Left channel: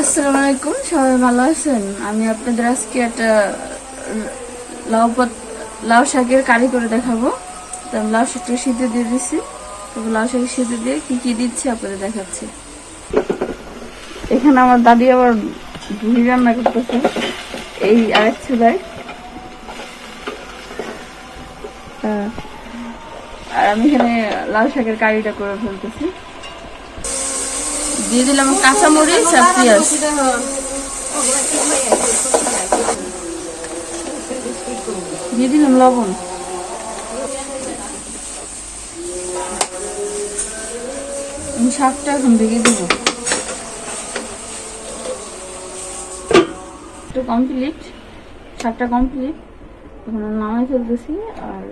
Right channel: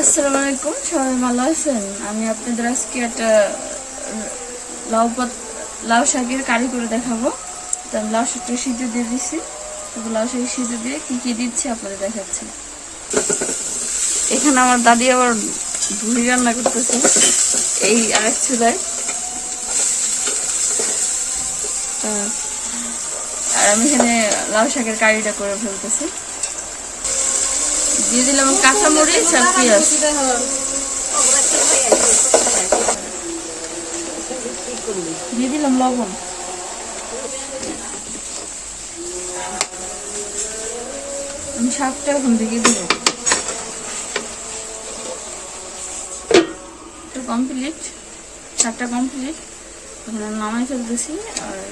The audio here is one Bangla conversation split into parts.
আসসালামু আলাইকুম সবাই ভালো আছেন? আমি আপনাদের আজকে একটা লাউ পাত লাউ শাকের কারি করে দেখাবো। তো আমি লাউ শাকটা সিদ্ধ দিয়ে দিচ্ছি তো লাউ শাকের সিদ্ধ দিয়ে কি কি দিচ্ছি আপনাদের দেখাচ্ছি। এখানে আমার দাদি আবার ভুড়ি রান্না করতেছে। এই আরেক চুলায়। আর আমি এখানে লাউ শাকের কারিটা করে ফেলতেছি। দিয়ে দিলাম কাঁচা মরিচ আর পেঁয়াজ। দিয়ে দিলাম লবণ। আমি শাকটা এখন ভেঙে দেবো। তো কমপ্লিট শাকটা কমপ্লিট এখন নামাই ফেলতেছি আর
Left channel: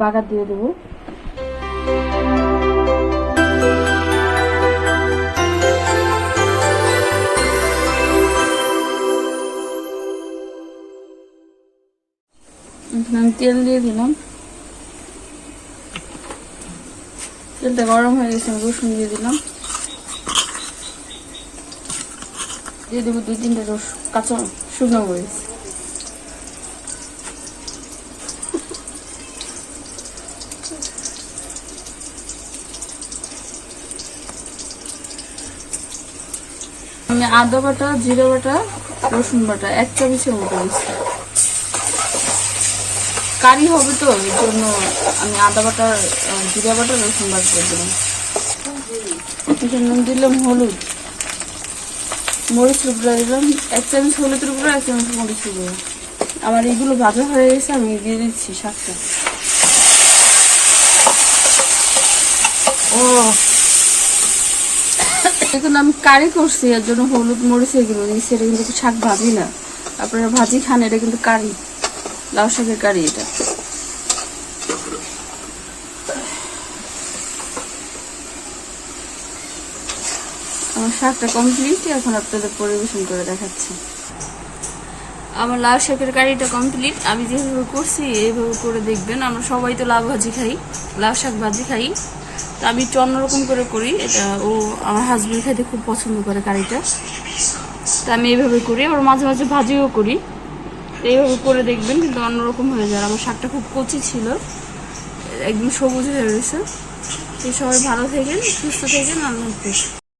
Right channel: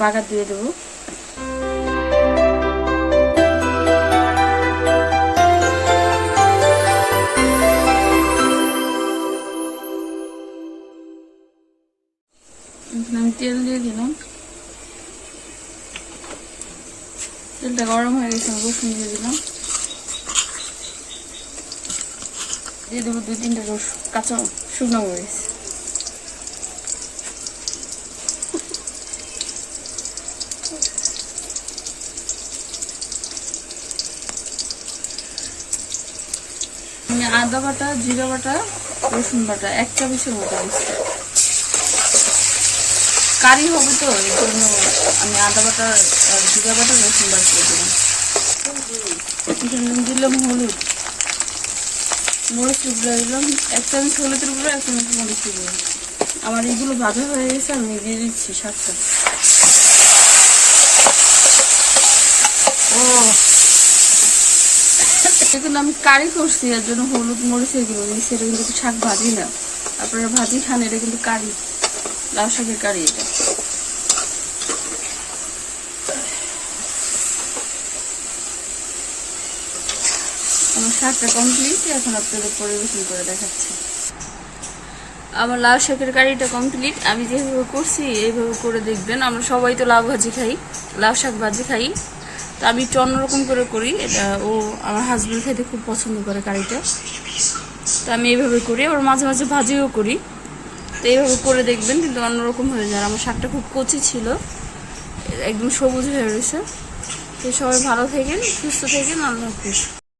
বাগার দিয়ে দেবো। এখন তেল দিয়ে দিলাম। তেলটা গরম হয়ে গেছে রসুন দিয়ে দিলাম। দিয়ে দেবো দুই তিনটে রসুন, কাঁচা শুকনো মরিচ। আমি আদা বাটা, জিরা বাটা, রসুন বাটা, এক চামচের মতো দিচ্ছি। কারি হবে তো, এর জন্য আমি আদা বাটা জিরা বাটা, রসুন বাটা করে দিলাম। আমি দিলাম হলুদ মরিচ টুকরা দিলাম, এক চামচ হলুদের উপরে এক চামচ মরিচ টুকরা আমার এইগুলো ভাজা হয়ে গেছে, আমি দিয়ে দিচ্ছি শাকটা। ও। এখন আমি কারি করছি, এর জন্য হলুদ মরিচ এগুলো নিচ্ছি এটা কিন্তু শাক ভাজি না। আপনারা ভাজি খান, এটা কিন্তু কারি। লাউ শাকের কারি এটা। আমার শাকটা কমপ্লিট এখন আপনাদের পরিবেশন করে দেখাচ্ছি। আমার লাউ শাকের কারিটা কমপ্লিট আমি যেভাবে করছি, এইভাবে করে দেখবেন। আমরা সবাই তো লাউ ভাজি খাই, লাউ শাক ভাজি খাই। তো আমি একটু অন্যরকম করে করি, এটা ও আমার হাজবেন্ড খেতে খুব পছন্দ করে কারিটা। তো আমি এইভাবে করি, আবার মাঝে মাঝে ভাজিও করি। তো এইভাবে করে দেখবেন, কিন্তু অন্যরকম হয়ে যায়। আমার শাকটা খুব কচি ছিল। একদম সবুজ হয়ে রয়েছে। তো সবাই ভালো থাকেন, সুস্থ থাকেন, আল্লাহ হাফিজ।